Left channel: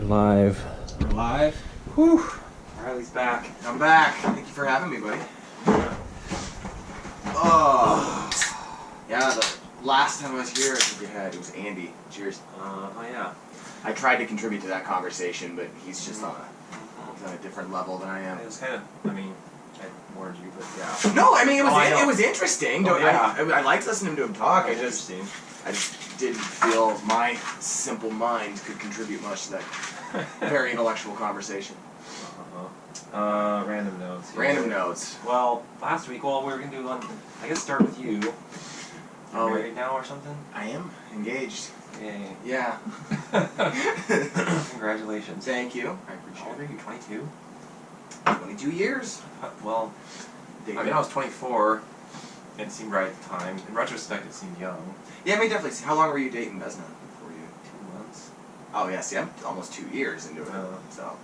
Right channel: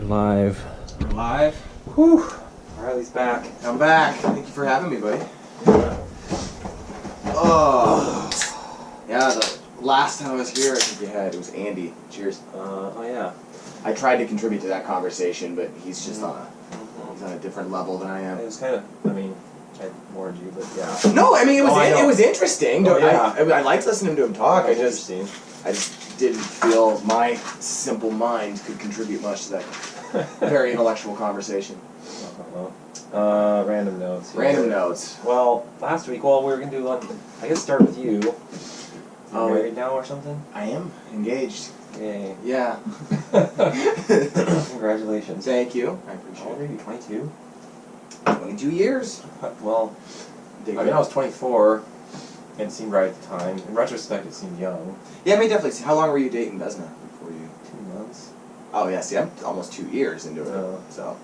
We're live. We're live. Whew. Reilly's back. I'm back. Thank you for having me, buddy. Oh. Yeah, the last time I was here, I think it was Andy. Cheers. Oh yeah. I tried to contribute to that conversation, but he's just he's on a different level than I am. It was kind of, I warned you, but yeah. No, I mean, it was I it was interesting. Oh, yeah. I liked listening to him talk. I just Interesting. didn't feel my simple mind could contribute much to that very intellectual conversation. Random notes. Yeah. Random notes. Well, last week, we were gonna do I guess start with you. You're Oh, married now or something? I am engaged. Yay. Yeah. Congratulations. Thank you. I How appreciate old are it. you? 22? 22 years. Well, I was 24. And it seemed right at the time. In retrospect, it seemed young. Yeah, I mean, definitely. How long were you dating Vesna before you? 2 months. Oh, yeah, see, I'm almost 2 years into it, so.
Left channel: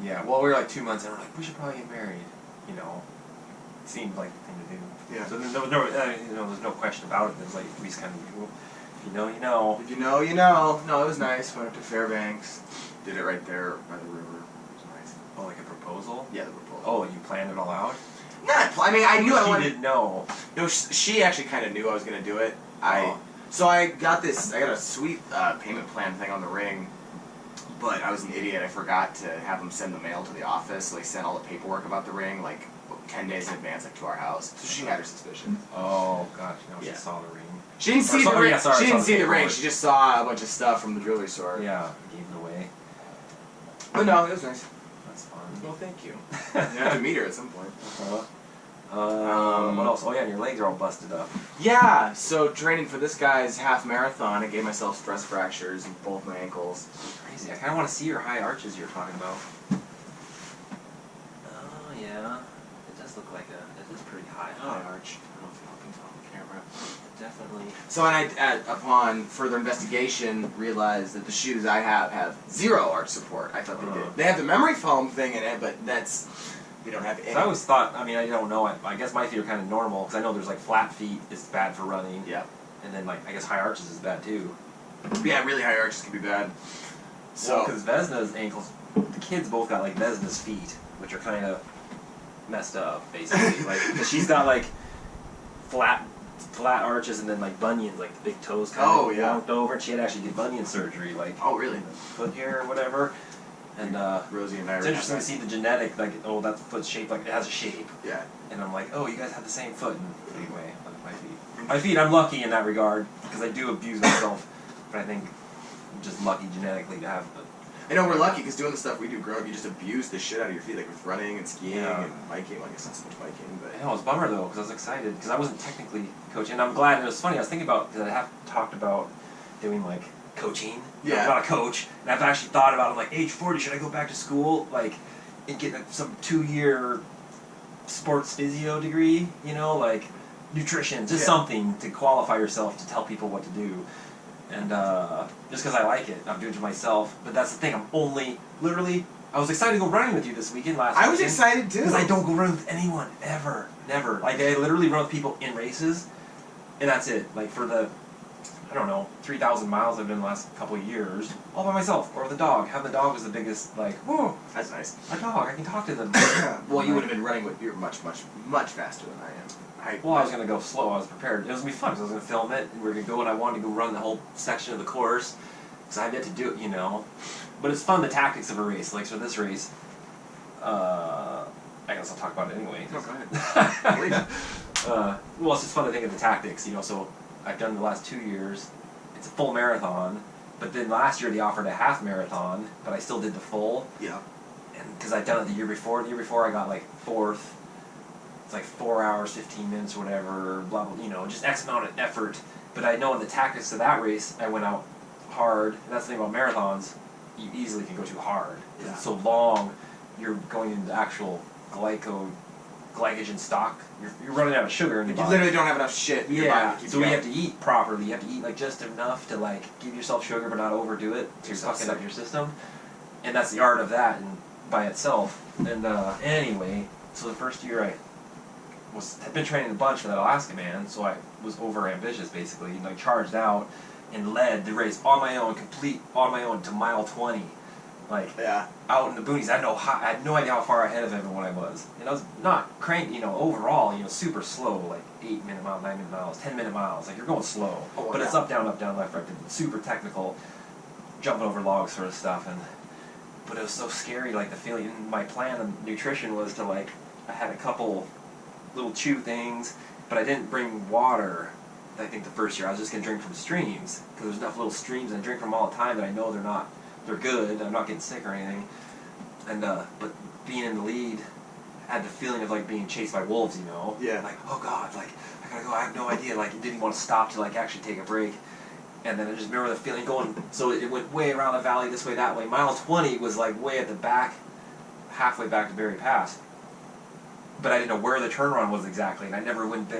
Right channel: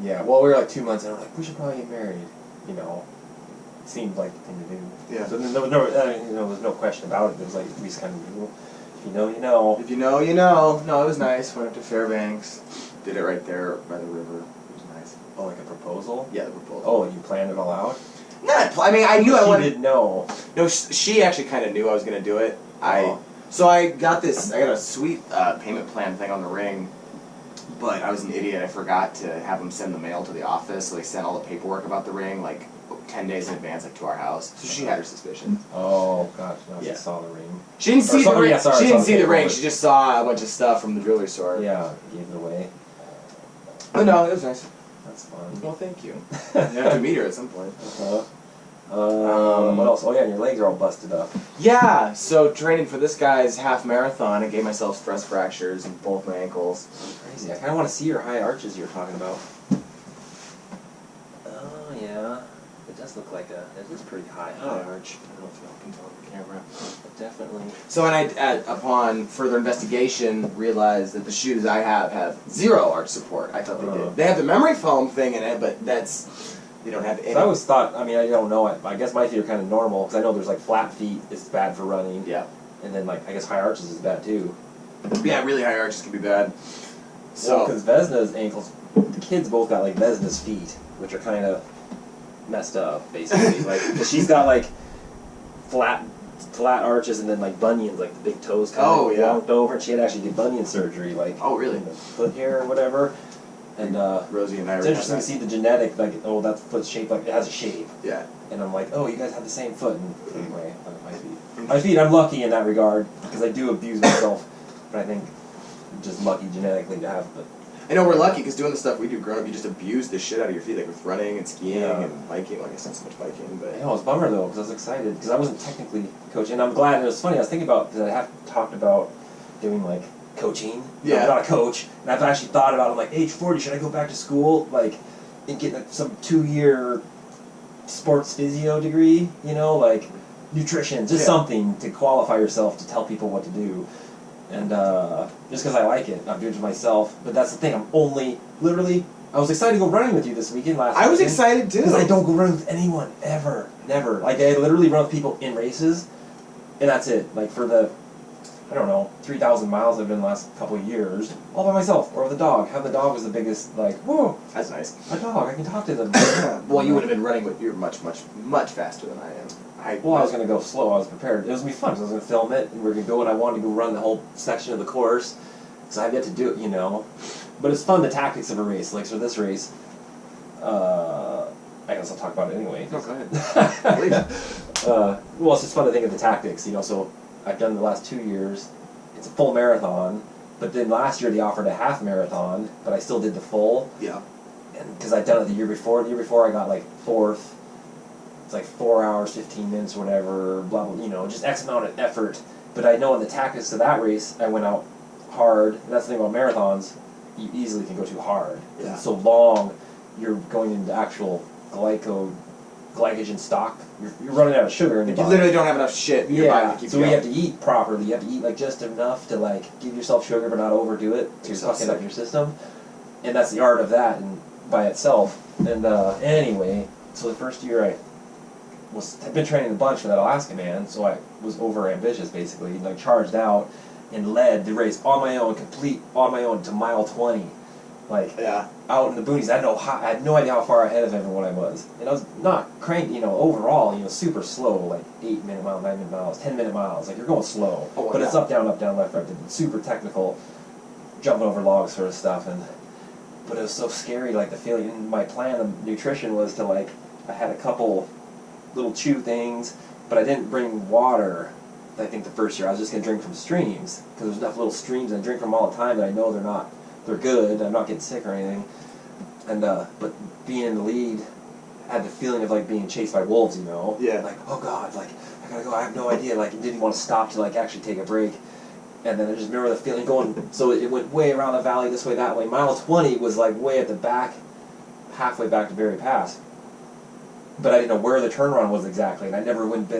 Yeah, well, we were like 2 months, and we're like, we should probably get married. You know, it seemed like the thing to do. Yeah. So there was no, there's no question about it. It was like we just kind of knew. If you know, you know. If you know, you know. No, it was nice. Went up to Fairbanks. Did it right there by the river. It was nice. Oh, like a proposal? Yeah, the proposal. Oh, you planned it all out? I mean, I knew I wanted. She didn't know. No, she actually kind of knew I was gonna do it. So I got a sweet payment plan thing on the ring, but I was an idiot. I forgot to have them send the mail to the office, so they sent all the paperwork about the ring like 10 days in advance, like to our house. So she had her suspicions. Oh, gosh, no, Yeah. she saw the ring. She didn't see the ring. Yeah, sorry, she didn't saw the see the ring. paperwork. She just saw a bunch of stuff from the jewelry store. Yeah, gave it away. But no, it was nice. That's fun. Well, thank you. I have to meet her at some point. What else? Oh yeah, and your legs are all busted up. Yeah, so training for this guy's half marathon, I gave myself stress fractures in both my ankles. Crazy. I kind of want to see your high arches you were talking about. Oh yeah, it does look like it is pretty high arch. I don't know if y'all can tell on the camera. But definitely. So upon further investigation, realized that the shoes I have 0 arch support. I thought they did. They have the memory foam thing in it, but they don't have any. So I always thought, I don't know, I guess my feet are kind of normal, because I know there's like flat feet, it's bad for running. Yeah. And then like, I guess high arches is bad too. Yeah, really high arches can be bad. So, because Vesna's ankles, the kids both got like Vesna's feet, which are kind of messed up, basically. Like, because she's got like flat arches and then like bunions, like the big toes kind of lumped over, and she had actually did bunion surgery, like in the foot here or whatever. And Rosie and I it's interesting to see the genetic, like, oh, that foot's shaped like, it has a shape. Yeah. And I'm like, oh, you guys have the same foot. And anyway, my feet, I'm lucky in that regard, because I do abuse myself, but I think I'm just lucky genetically to have the... I know we're lucky, because doing the stuff we do growing up, you just abuse the shit out of your feet, like with running and skiing and biking. Well, I guess not so much biking, but... Yeah, it was a bummer, though, because I was excited, because I wasn't technically coaching, and I'm glad. And it was funny, I was thinking about, because I have talked about doing, like, coaching. Yeah. I'm not a coach, and I've actually thought about it. I'm like, age 40, should I go back to school, like, and get like, some 2-year sports physio degree, you know, like nutrition, just something to qualify yourself to tell people what to do. And just because I like it, I'm doing it to myself. But that's the thing, I'm only, literally, I was excited to go running with you this weekend last weekend. I was excited too. Because I don't go running with anyone, ever, never. Like, I literally run with people in races, and that's it. Like, for the, I don't know, 3,000 miles I've been the last couple of years, all by myself, or with a dog. Having the dog was the biggest, like, whoa. That's nice. A dog, I can talk to them. Well, you would have been running with, you're much, much, much faster than I am. I was going to go slow, I was prepared. It was going to be fun, because I was going to film it, and we were going to go, and I wanted to go run the whole section of the course, because I've yet to do it, you know. But it's fun, the tactics of a race. Like, for this race, I guess I'll talk about it anyway. No, go ahead. Well, it's just fun to think of the tactics, you know, so I've done the last 2 years. It's a full marathon, but then last year they offered a half marathon, but I still did the full. Yeah. And because I'd done it the year before I got like 4th. It's like 4 hours, 15 minutes, whatever, blah, blah, you know, just X amount of effort. But I know in the tactics of that race, I went out hard. And that's the thing about marathons, you easily can go too hard. Yeah. It's so long, you're going into actual glycogen stock. You're running out of sugar in your body. You literally don't have enough shit in your body to keep so going. you have to eat properly. You have to eat like just enough to like give yourself sugar but not overdo it. So you're fucking up your system. And that's the art of that and by itself. And anyway, so the first year I had been training a bunch for that Alaska man, so I was over ambitious basically, and like charged out. and led the race on my own, complete on my own to mile 20. Like, out in the boonies. I had no idea how far ahead of everyone I was. And I was not cranked, overall, super slow, like 8-minute miles, 9-minute miles, 10-minute miles. Like, you're going slow. Oh, but it's up, down, left, right. Super technical, jumping over logs sort of stuff. But it was so scary, like, the feeling. And my plan of nutrition was to, like, I had a couple little chew things, but I didn't bring water. I think the first year I was just going to drink from streams, because there's enough little streams and I drink from all the time that I know they're good, I'm not getting sick or anything. And but being in the lead, I had the feeling of like being chased by wolves, Yeah. Like, oh God, like I gotta go, I have no idea, like didn't want to stop to like actually take a break. And then I just remember the feeling going, so it went way around the valley, this way, that way. Mile 20 was like way at the back, halfway back to Berry Pass. But I didn't know where the turnaround was exactly, and I never went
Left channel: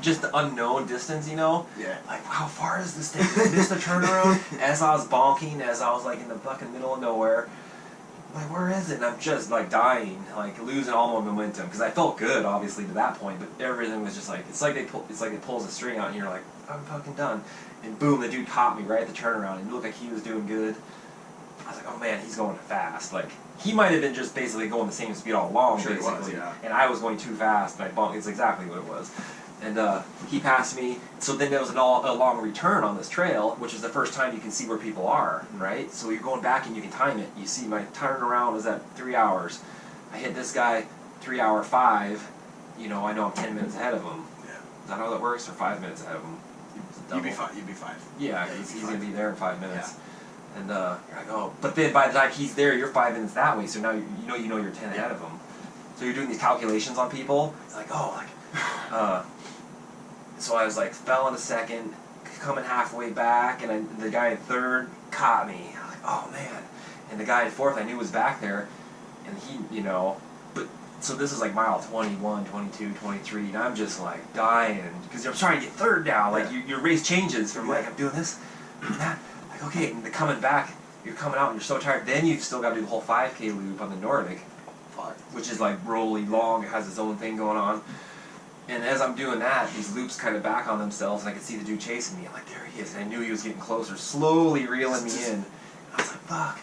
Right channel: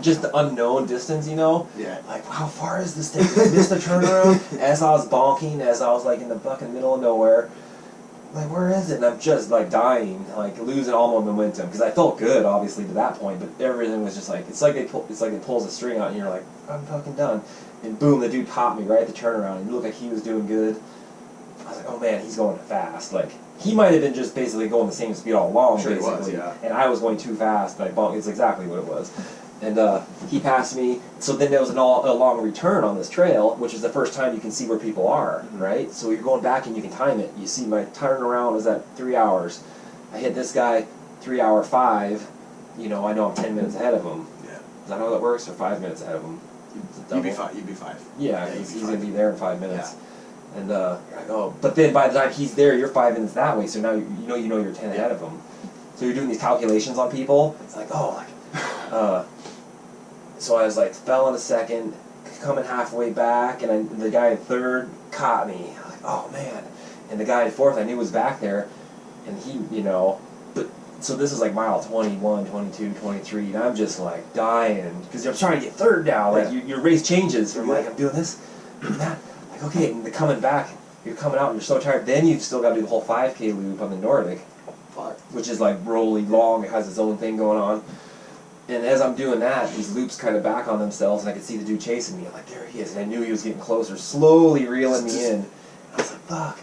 just the unknown distance, Yeah. Like, how far is this thing? Did I miss the turnaround? As I was bonking, as I was like in the fucking middle of nowhere, like, where is it? And I'm just like dying, like losing all my momentum, because I felt good, obviously, to that point, but everything was just like, it's like it pulls a string out, and you're like, I'm fucking done. And boom, the dude caught me right at the turnaround, and it looked like he was doing good. I was like, oh man, he's going fast. Like, he might have been just basically going the same speed all along, Sure basically. he was, yeah. And I was going too fast, and I bumped. It's exactly what it was. And he passed me. So then there was a long return on this trail, which is the first time you can see where people are, right? So you're going back and you can time it. You see my turnaround was at 3 hours. I hit this guy 3 hour 5. I know I'm 10 minutes ahead of him. Yeah. Is that how that works? Or 5 minutes ahead of him? You'd be fine. You'd be fine. Yeah, he's going to be there in 5 minutes. Yeah. And you're like, oh, but then by the time he's there, you're 5 minutes that way. So now you know you're 10 ahead of him. So you're doing these calculations on people. It's like, oh, like, so I was like, fell in a second, coming halfway back, and the guy in third caught me. I was like, oh man. And the guy in fourth I knew was back there, and he, but so this is like mile 21, 22, 23, and I'm just like dying because I'm trying to get third now. Like your race changes from like I'm doing this, doing that. Like, okay, and coming back, you're coming out and you're so tired. Then you've still got to do the whole 5K loop on the Nordic, which is like rolly long. It has its own thing going on. And as I'm doing that, these loops kind of back on themselves, and I could see the dude chasing me. I'm like, there he is. And I knew he was getting closer, slowly reeling me in. And I was like, fuck.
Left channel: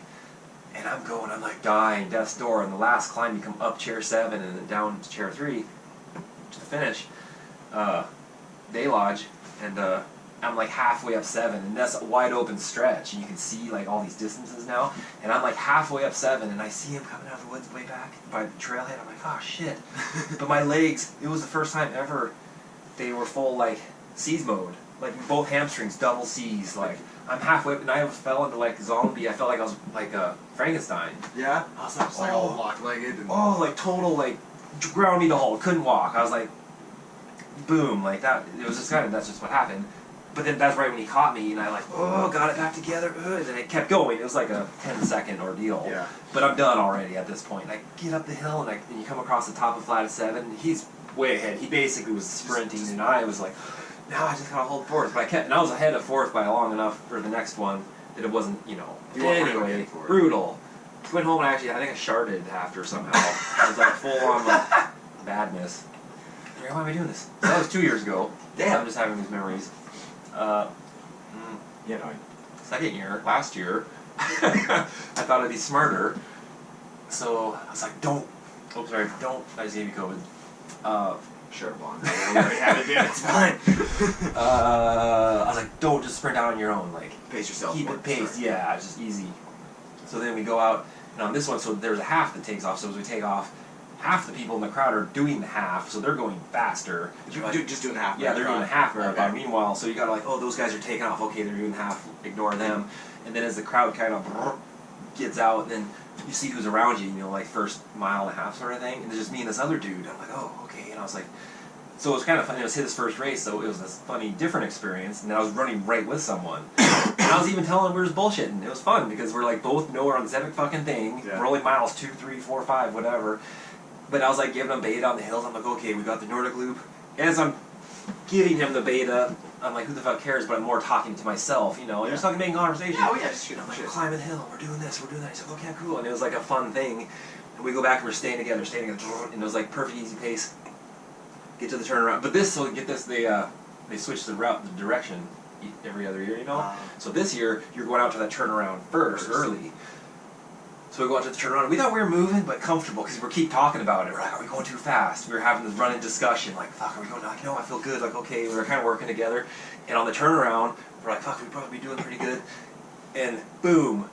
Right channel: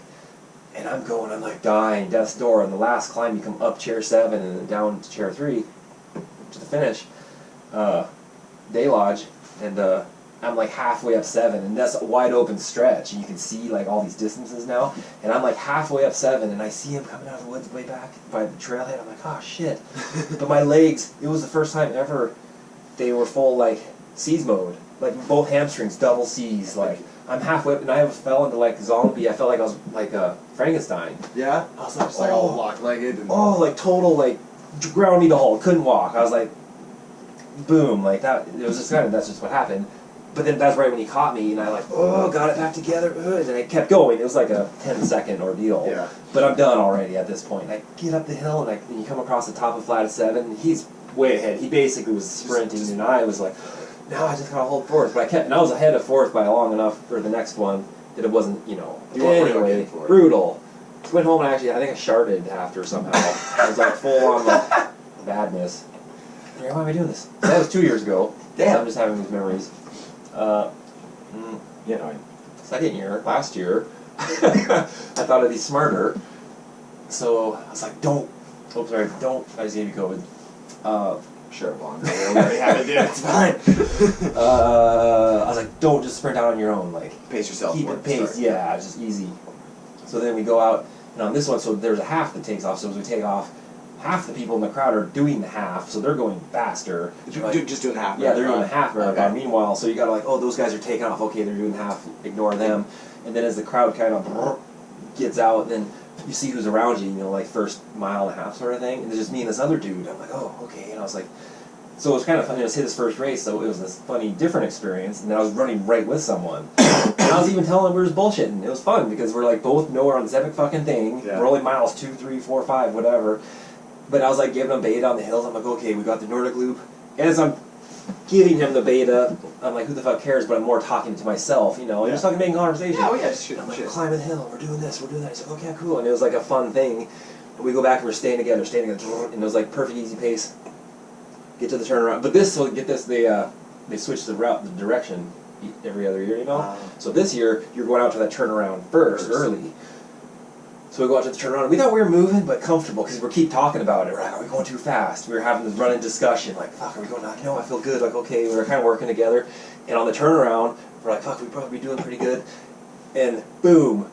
And I'm going, I'm like dying, death's door. And the last climb, you come up chair 7 and then down to chair 3 to the finish, day lodge. And I'm like halfway up 7, and that's a wide open stretch, and you can see like all these distances now. And I'm like halfway up 7, and I see him coming out of the woods way back by the trailhead. I'm like, oh shit! But my legs, it was the first time ever they were full like C's mode, like both hamstrings, double C's. Like I'm halfway up, and I fell into like zombie. I felt like I was like Frankenstein. Yeah. I was like, It's like all lock-legged. Oh, like total like ground me to halt, couldn't walk. I was like, boom, like that. It was just that's just what happened. But then that's right when he caught me, and I like, got it back together, and I kept going. It was like a 10-second ordeal. Yeah. But I'm done already at this point. And I get up the hill, and you come across the top of flat of 7. He's way ahead. He basically was sprinting, and I was like, now I just gotta hold fourth. But and I was ahead of fourth by long enough for the next one that it wasn't, Anyway, brutal. Went home and I think I sharded after somehow. I was like full on like badness. Why am I doing this? So that was 2 years ago. Damn. I'm just having these memories. Second year, last year, I thought I'd be smarter. So I was like, don't. I just gave you COVID. Sure, Bond. We have it, dude. It's fine. I was like, don't just sprint out on your own. Like, Pace yourself. keep it paced. Yeah, it's just easy. So then we go out, and on this one, so there's a half that takes off. So as we take off, half the people in the crowd are doing the half, so they're going faster. Just doing half. Yeah, they're doing the half marathon. Okay. Meanwhile, so you gotta like, those guys are taking off. Okay, they're doing half. Ignore them. And then as the crowd kind of gets out, then you see who's around you. Like first mile and a half sort of thing. And it's just me and this other dude. I'm like, oh, okay. And I was like, so it was kind of funny. It was his first race, so it was this funny, different experience. And then I was running right with someone. And I was even telling him we were just bullshitting. It was fun because we're like both know we're on this epic fucking thing. Yeah. We're only miles 2, 3, 4, 5, whatever. But I was like giving him beta on the hills. I'm like, okay, we got the Nordic loop. As I'm giving him the beta, I'm like, who the fuck cares? But I'm more talking to myself, and just like making conversation. Yeah, just shoot. I'm like, climbing the hill, we're doing this, we're doing that. He's like, okay, cool. And it was like a fun thing. And we go back and we're staying together, and it was like perfect, easy pace. Get to the turnaround. But get this, they switched the route, the direction. every other year, you know. So this year you're going out to that turnaround first. Early. So we go out to the turnaround. We thought we were moving, but comfortable because we keep talking about it. We're like, are we going too fast? We were having this running discussion, like, fuck, are we going? Like, no, I feel good. Like, okay, we were kind of working together. And on the turnaround, we're like, fuck, we probably be doing pretty good. And boom,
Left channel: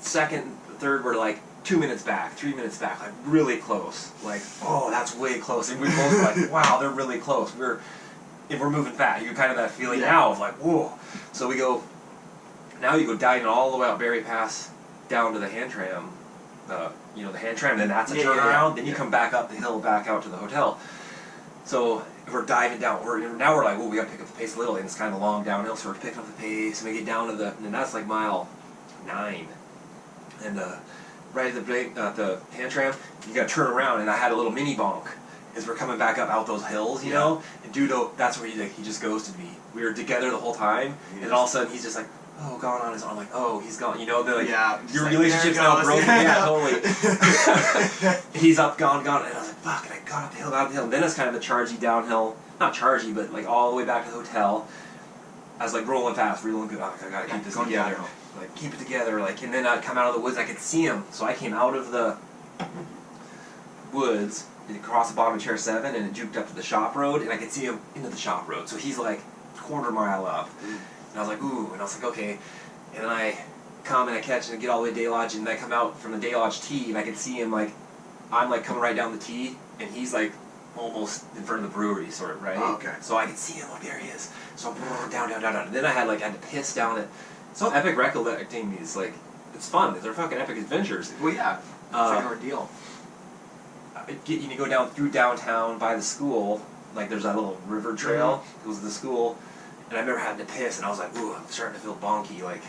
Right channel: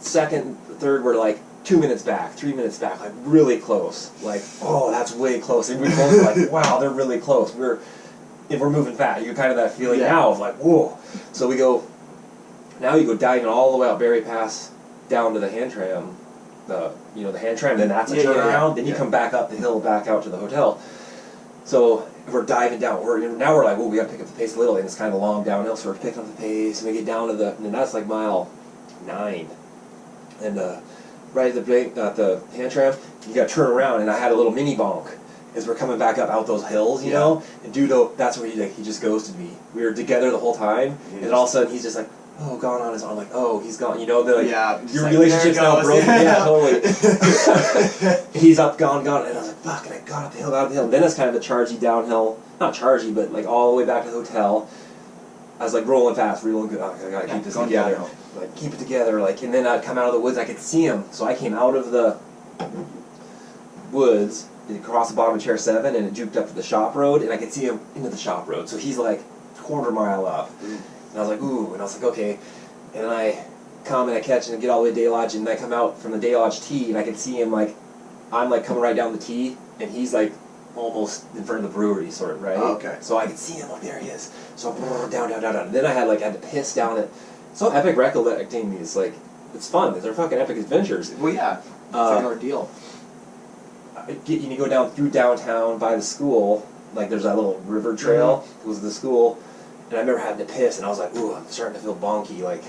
second, third, we're like 2 minutes back, 3 minutes back, like really close. Like, oh, that's way close. And we're both like, wow, they're really close. If we're moving fast, you kind of that feeling now of like, whoa. So we go. Now you go diving all the way out Berry Pass down to the hand tram, the hand tram. Then that's a turnaround. Then you come back up the hill, back out to the hotel. So we're diving down. Now we're like, well, we got to pick up the pace a little, and it's kind of a long downhill. So we're picking up the pace, and we get down to and that's like mile 9, and right at the hand tram, you got to turn around, and I had a little mini bonk as we're coming back up out those hills, you know. And dude, that's where he just ghosted me. We were together the whole time, and then all of a sudden he's just like, oh, gone on his arm. Like, oh, he's gone. You know, your like, relationship's now broken. Yeah, totally. He's up, gone. And I was like, fuck, and I got up the hill. And then it's kind of a chargy downhill. Not chargy, but like all the way back to the hotel. I was like rolling fast, real good. Oh, I gotta keep this together. Downhill. Like, keep it together. Like, and then I'd come out of the woods. I could see him. So I came out of the woods, across the bottom of Chair 7, and it juked up to the shop road, and I could see him into the shop road. So he's like quarter mile up. And I was like, ooh, and I was like, okay. And then I come and I catch and I get all the way to Day Lodge, and I come out from the Day Lodge tee, and I can see him like, I'm like coming right down the tee, and he's like almost in front of the brewery, sort of, right? Oh, okay. So I can see him, like, there he is. So down. And then I had to piss down it. So epic recollecting these, like, it's fun. They're fucking epic adventures. Well, yeah. It's like an ordeal. You go down through downtown by the school, like there's that little river trail. It was the school. And I remember having to piss, and I was like, ooh, I'm starting to feel bonky. Like,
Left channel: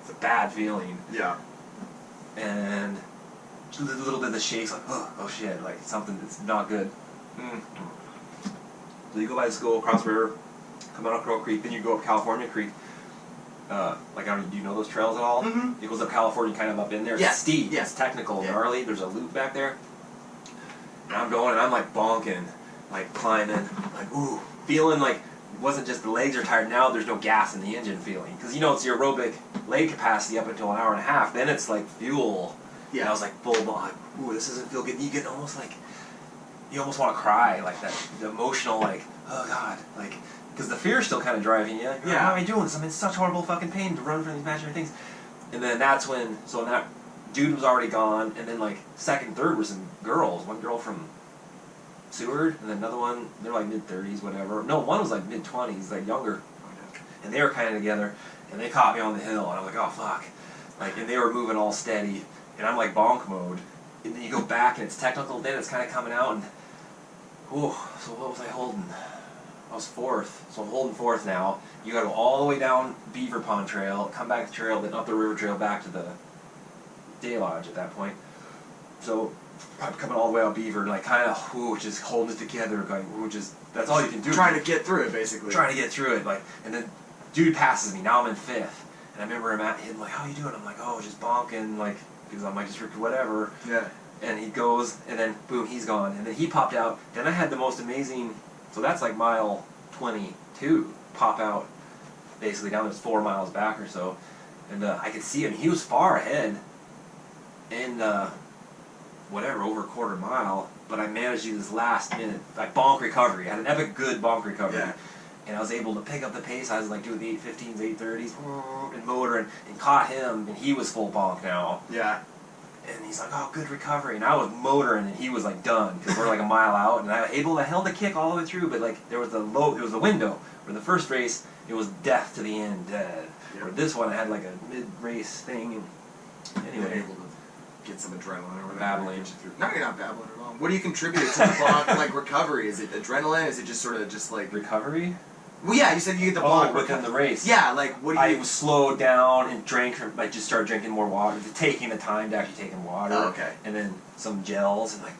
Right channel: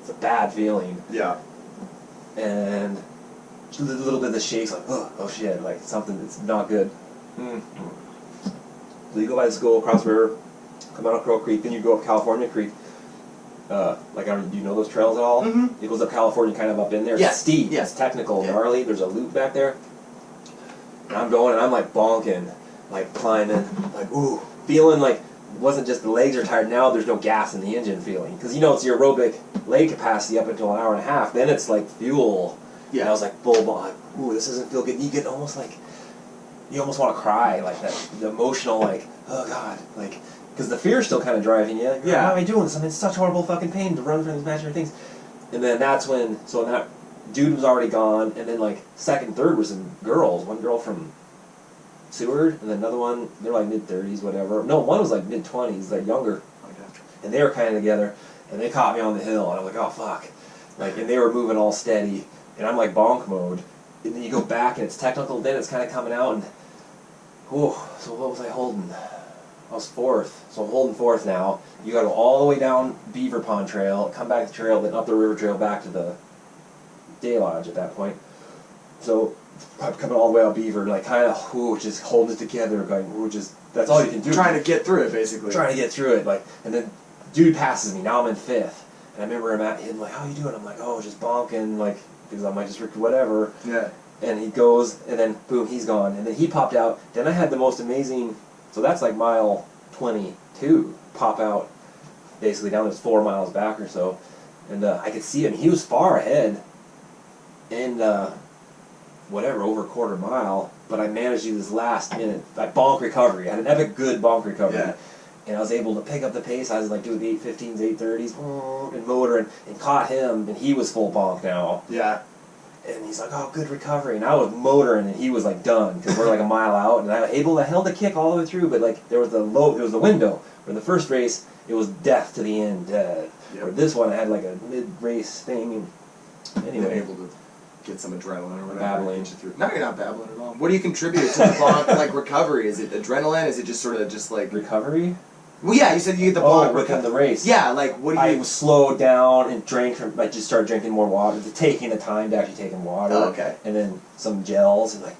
it's a bad feeling. Yeah. And just a little bit of the shakes, like, oh shit, like something that's not good. So you go by the school, cross the river, come out of Crow Creek, then you go up California Creek. Like, I mean, do you know those trails at all? It goes up California, kind of up in there. Yeah. It's steep. Yeah. It's technical, gnarly. There's a loop back there. And I'm going, and I'm like bonking, like climbing, like, ooh, feeling like, it wasn't just the legs are tired. Now there's no gas in the engine feeling. Because, it's your aerobic leg capacity up until an hour and a half. Then it's like fuel. Yeah. And I was like full bond. Like, ooh, this doesn't feel good. You get almost like, you almost want to cry. Like that, the emotional, like, oh God. Like, because the fear's still kind of driving you. Like, oh, why am I doing this? I'm in such horrible fucking pain to run from these imaginary things. And then that's when, that dude was already gone. And then like second, third were some girls. One girl from Seward, and then another one, they're like mid-30s, whatever. No, one was like mid-20s, like younger. And they were kind of together, and they caught me on the hill, and I was like, oh, fuck. Like, and they were moving all steady, and I'm like bonk mode. And then you go back, and it's technical, then it's kind of coming out, and, whew, so what was I holding? I was 4th, so I'm holding 4th now. You gotta go all the way down Beaver Pond Trail, come back the trail, then up the river trail back to the Day Lodge at that point. So, probably coming all the way out Beaver, like kind of, just holding it together, going, that's all you can do. Trying to get through it, basically. Trying to get through it, like, and then dude passes me, now I'm in 5th, and I remember him like, how you doing? I'm like, oh, just bonking, like, because I'm like, just whatever. Yeah. And he goes, and then, boom, he's gone, and then he popped out, then I had the most amazing, so that's like mile 22, pop out, basically down, there's 4 miles back or so, and I could see him, he was far ahead, and, over a quarter mile, but I managed to do this last minute, like bonk recovery. I had an epic good bonk recovery. Yeah. And I was able to pick up the pace. I was like doing the 8:15s, 8:30s, and motoring, and caught him, and he was full bonk now. Yeah. And he's like, oh, good recovery. And I was motoring, and he was like done, because we're like a mile out, and I held the kick all the way through, but like there was the window, where the first race, it was death to the end, dead. Yep. Where this one, I had like a mid-race thing, and anyway. Able to get some adrenaline or whatever. Babbling. Get you through. No, you're not babbling at all. What do you contribute to the bonk, like recovery? Is it adrenaline? Is it just sort of just like recovery? Well, yeah, you said you get the bonk within the race. Yeah, like what do you? I slowed down and drank. I just started drinking more water, taking the time to actually take in water. Oh, okay. And then some gels and like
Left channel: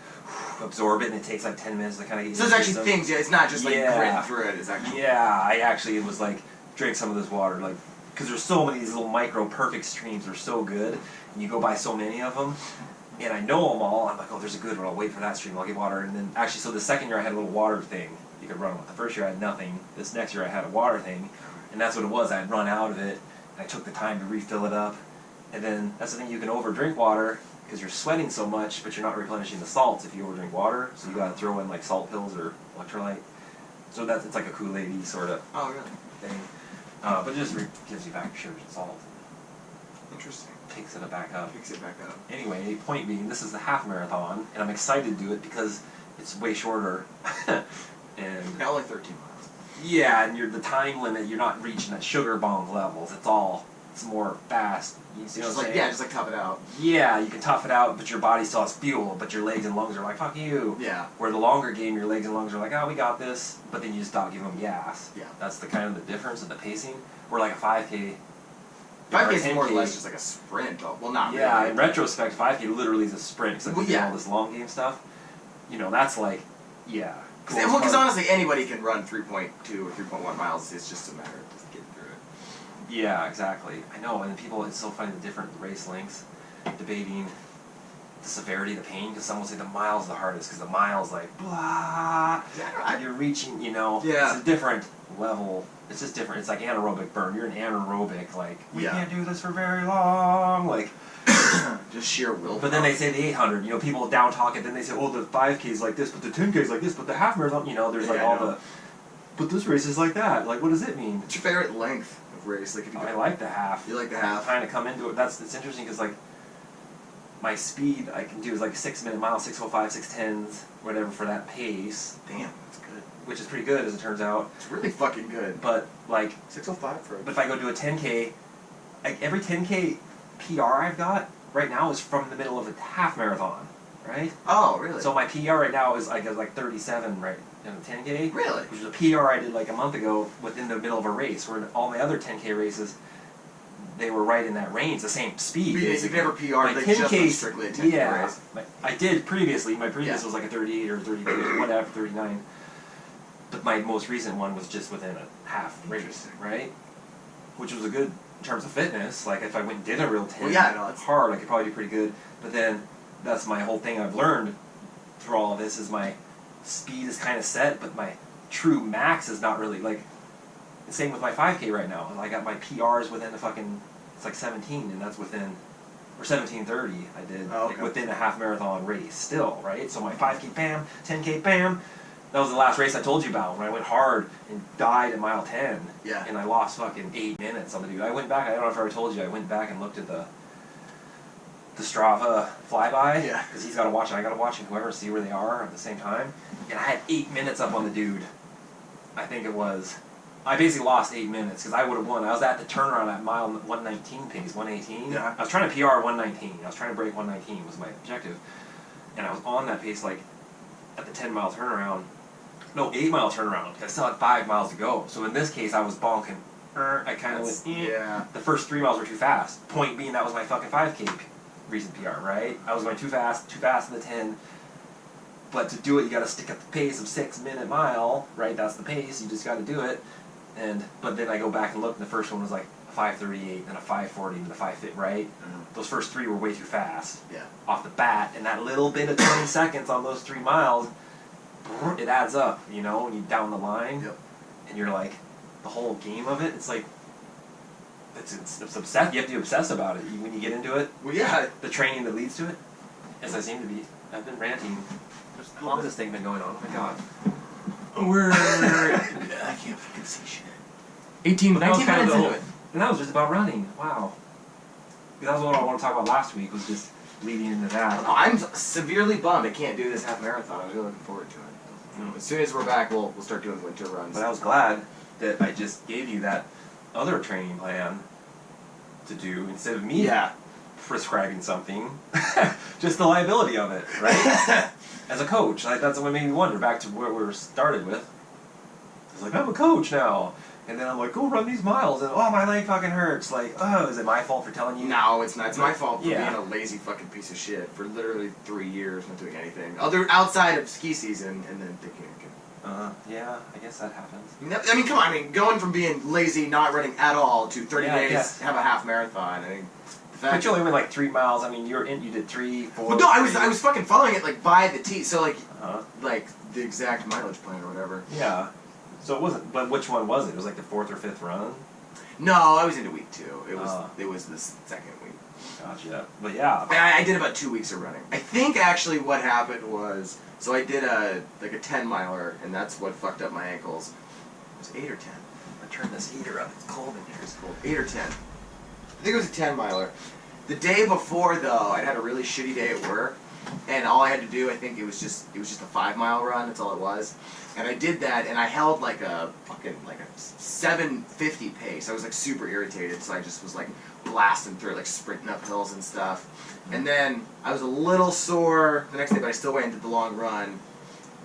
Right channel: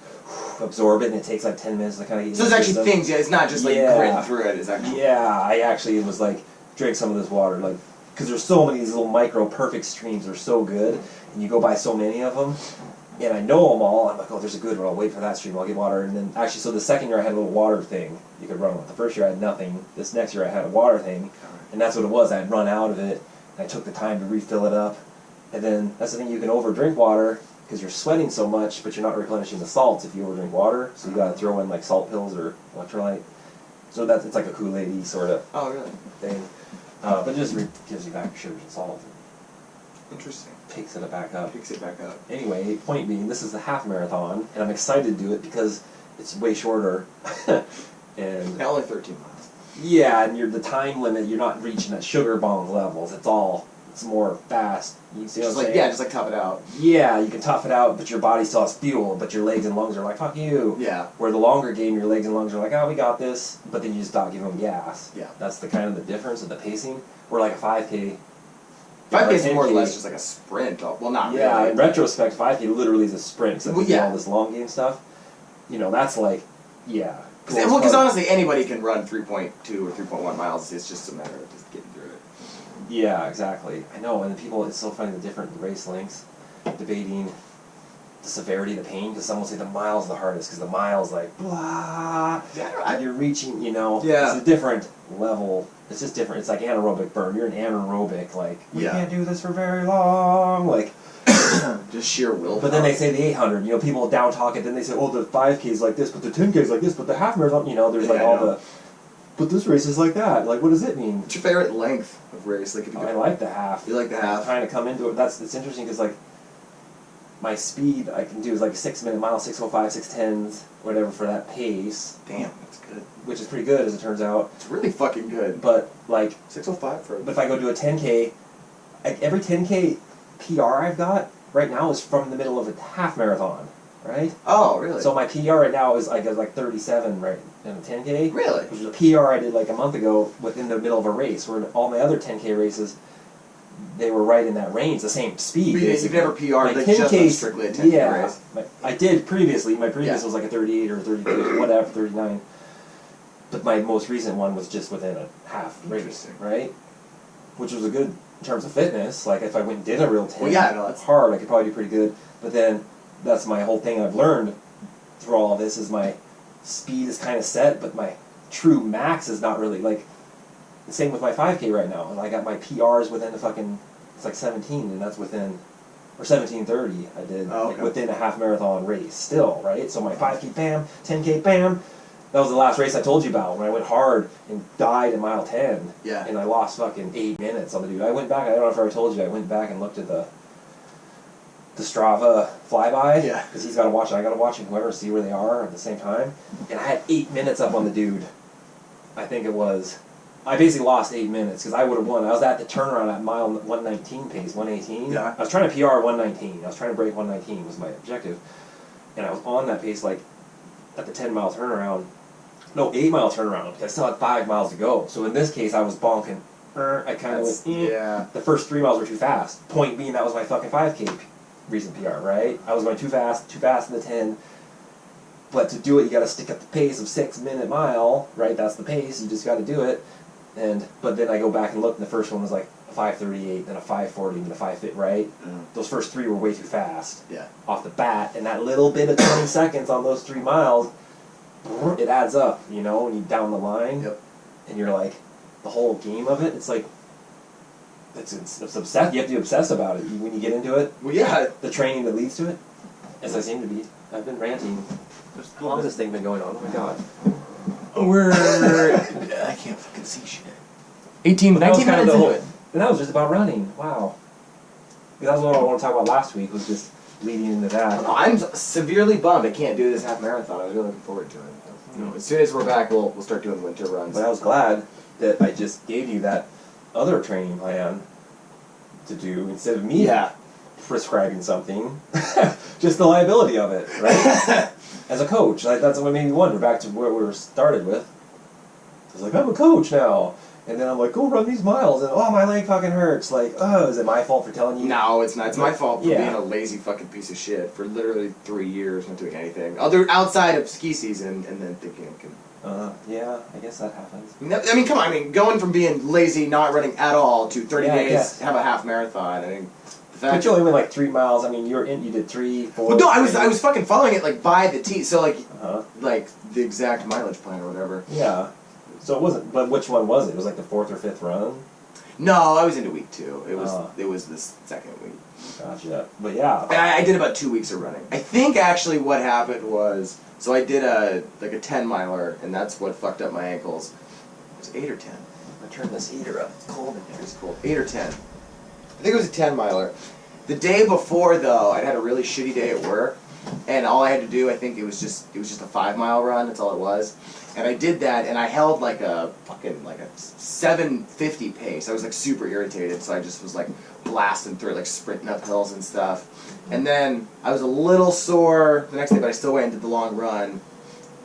absorb it, and it takes like 10 minutes to kind of get. So there's actually things. Yeah, it's not just like gritting through it. It's actually. Yeah, I actually was like drink some of this water, like. Because there's so many of these little micro perfect streams. They're so good, and you go by so many of them, and I know them all. I'm like, oh, there's a good one. I'll wait for that stream. I'll get water. And then actually, so the second year I had a little water thing you could run with. The first year I had nothing. This next year I had a water thing, And that's what it was. I had run out of it, and I took the time to refill it up. And then that's the thing, you can over drink water because you're sweating so much, but you're not replenishing the salts if you over drink water. So you got to throw in like salt pills or electrolyte. So it's like a Kool-Aid sort of thing. But it just gives you back your sugars and salt. Interesting. Picks it back up. Picks it back up. Anyway, point being, this is the half marathon, and I'm excited to do it because it's way shorter. And only 13 miles. Yeah, and the time limit, you're not reaching at sugar bong levels. It's more fast. You see what I'm saying? Yeah, just like tough it out. Yeah, you can tough it out, but your body still has fuel, but your legs and lungs are like, fuck you. Yeah. Where the longer game, your legs and lungs are like, oh, we got this, but then you just stop giving them gas. Yeah. That's the kind of the difference of the pacing. Where like a 5K... 5K is more or less just like a sprint. Well, not really. Yeah, in retrospect, 5K literally is a sprint, except well, all this long game stuff. You know, that's like, yeah. Because honestly, anybody can run 3.2 or 3.1 miles. It's just a matter of just getting through it. Yeah, exactly. I know, and people, it's so funny, the different race lengths, debating the severity of the pain, because some will say the mile's the hardest, because the mile's like, blah, you're reaching, you know, it's a different level. It's just different. It's like anaerobic burn. You're an anaerobic, like, we can't do this for very long, like, just sheer willpower. But then they say the 800, you know, people down talk it, then they say, oh, the 5K is like this, but the 10K is like this, but the half marathon, you know, there's like all the, but this race is like that. Like, what does it mean? What's your favorite length of race? Like, if you I like the half. You like the half? I'm trying to come into it. It's interesting because, like, my speed I can do is like a 6-minute mile, 6:05, 6:10, whatever for that pace. Damn, that's good. Which is pretty good, as it turns out. It's really fucking good. But, like... 6:05 for... But if I go do a 10K, like, every 10K PR I've got right now is from the middle of a half marathon, right? Oh, really? So my PR right now is like 37, right, in a 10K. Really? Which is a PR I did like a month ago within the middle of a race, where all my other 10K races, they were right in that range, the same speed. You've never PR'd, like, 10K, just strictly a 10K race? I did previously. My previous was like a 38 or 32, whatever, 39. But my most recent one was just within a half race, right? Which was a good in terms of fitness. Like, if I went and did a real 10, that's hard, I could probably do pretty good. But then, that's my whole thing I've learned through all of this, is my speed is kind of set, but my true max is not really, like, same with my 5K right now. I got my PRs within the fucking, it's like 17, and that's within, or 17:30 I did, like, within a half marathon race still, right? So my 5K, bam, 10K, bam. That was the last race I told you about, when I went hard and died at mile 10. Yeah. And I lost fucking 8 minutes on the dude. I went back, I don't know if I ever told you, I went back and looked at the Strava flyby. Yeah. Because he's got to watch it, I got to watch it, whoever, see where they are at the same time. And I had 8 minutes up on the dude. I think it was. I basically lost 8 minutes because I would have won. I was at the turnaround at mile 119 pace, 118. Yeah. I was trying to PR 119. I was trying to break 119 was my objective. And I was on that pace, like, at the 10-mile turnaround. No, 8-mile turnaround, because I still had 5 miles to go. So in this case, I was bonking. I kind of went, The first 3 miles were too fast. Point being, that was my fucking 5K recent PR, right? I was going too fast in the 10. But to do it, you got to stick at the pace of 6-minute mile, right? That's the pace. You just got to do it. But then I go back and look, and the first one was like a 5:38, then a 5:40, then a 5:50, right? Those first 3 were way too fast. Yeah. Off the bat, and that little bit of 20 seconds on those 3 miles, it adds up, you know, when you down the line. Yep. And you're like, the whole game of it, it's like, it's obsessed. You have to be obsessed about it when you get into it. Well, yeah. The training that leads to it, as I seem to be. I've been ranting. How long has this thing been going on? Oh my god. I can't fucking see shit. 19 minutes into it. And that was just about running. Wow. That was what I want to talk about last week, was just leading into that. I'm severely bummed I can't do this half marathon. I was really looking forward to it. You know, as soon as we're back, we'll start doing winter runs. But I was glad that I just gave you that other training plan to do instead of me prescribing something. Just the liability of it, right? As a coach, like, that's what made me wonder. Back to where we were started with. I was like, I'm a coach now. And then I'm like, go run these miles, and oh, my leg fucking hurts. Like, oh, is it my fault for telling you? No, it's not. It's my fault for being a lazy fucking piece of shit for literally 3 years, not doing anything outside of ski season, and then thinking I can. Yeah, I guess that happens. I mean, come on. I mean, going from being lazy, not running at all, to 30 days, have a half marathon. I mean, the fact. But you only went like 3 miles. I mean, you did 3, 4. Well, no, I was fucking following it like by the T. So like the exact mileage plan or whatever. Yeah. So it wasn't. But which one was it? It was like the 4th or 5th run. No, I was into week 2. It was Oh. it was the second week. Gotcha. But yeah. I did about 2 weeks of running. I think actually what happened was, so I did a 10 miler, and that's what fucked up my ankles. It was 8 or 10. I turned this heater up. It's cold in here. It's cold. 8 or 10. I think it was a 10 miler. The day before though, I'd had a really shitty day at work, and all I had to do, I think it was just a 5-mile run. That's all it was. And I did that, and I held like a 7:50 pace. I was like super irritated, so I just was like blasting through it, like sprinting up hills and stuff. And then I was a little sore the next day, but I still went and did the long run.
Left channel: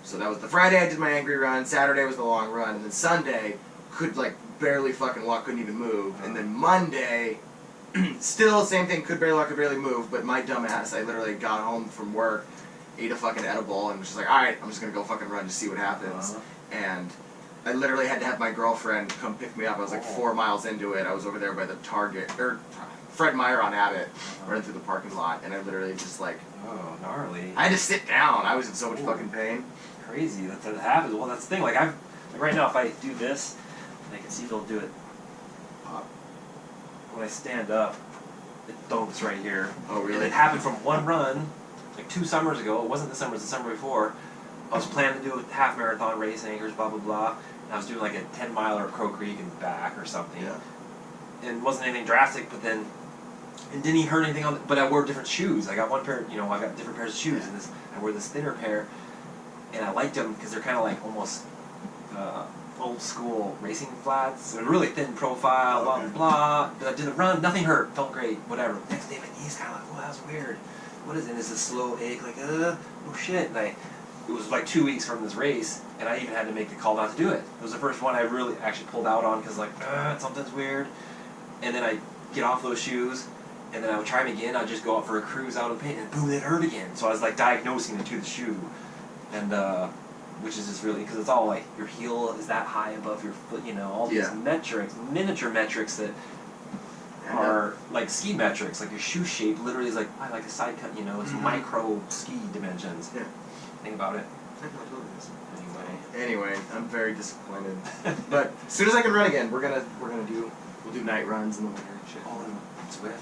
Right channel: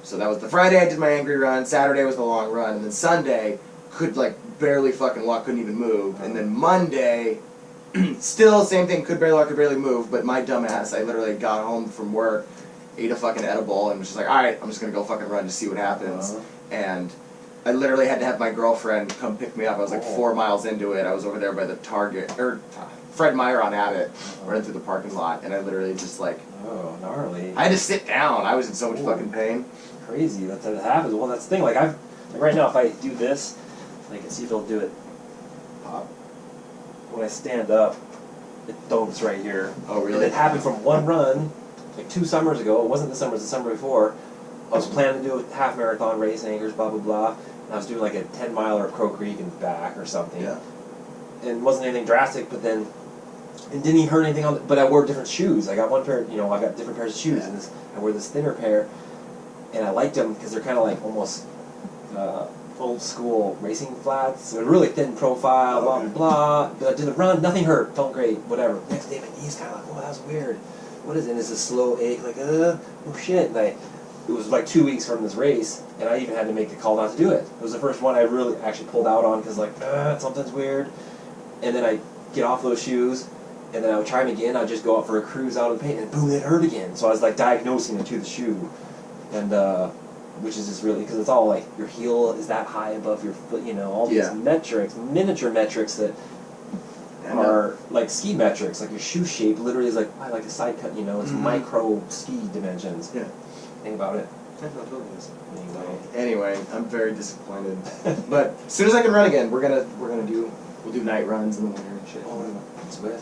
So that was the Friday I did my angry run. Saturday was the long run, and then Sunday could like barely fucking walk, couldn't even move. And then Monday, still same thing, could barely walk, could barely move. But my dumbass, I literally got home from work, ate a fucking edible, and was just like, all right, I'm just gonna go fucking run to see what happens. And I literally had to have my girlfriend come pick me up. I was like 4 miles into it. I was over there by the Target, or Fred Meyer on Abbott, running through the parking lot, and I literally just like, Oh, gnarly. I had to sit down. I was in so much fucking pain. Crazy that happens. Well, that's the thing. Like right now, if I do this, I can see if it'll do it. Pop. When I stand up, it thumps right here. Oh, really? And it happened from one run, like 2 summers ago. It wasn't this summer, it was the summer before. I was planning to do a half marathon race in Anchorage, blah, blah, blah. And I was doing like a 10 miler at Crow Creek and back or something. Yeah. And it wasn't anything drastic, but then it didn't even hurt anything on but I wore different shoes. I got one pair, I got different pairs of shoes. And I wore this thinner pair. And I liked them because they're kind of like almost old school racing flats. They're really thin profile, blah, blah, blah. But I did the run, nothing hurt, felt great, whatever. Next day, my knee's kind of like, oh, that was weird. What is it? And it's a slow ache, like, oh shit. And it was like 2 weeks from this race, and I even had to make the call not to do it. It was the first one I really actually pulled out on because, like, something's weird. And then I get off those shoes, and then I would try them again. I'd just go out for a cruise out of the pain, and boom, it hurt again. So I was like diagnosing it to the shoe. And which is just really, because it's all like your heel is that high above your foot, all these metrics, miniature metrics that are like ski metrics, like your shoe shape literally is like a side cut, it's micro ski dimensions. Yeah. Think about it. Anyway, I'm very disappointed. But as soon as I can run again, we'll do night runs in the winter and shit. Oh, sweat.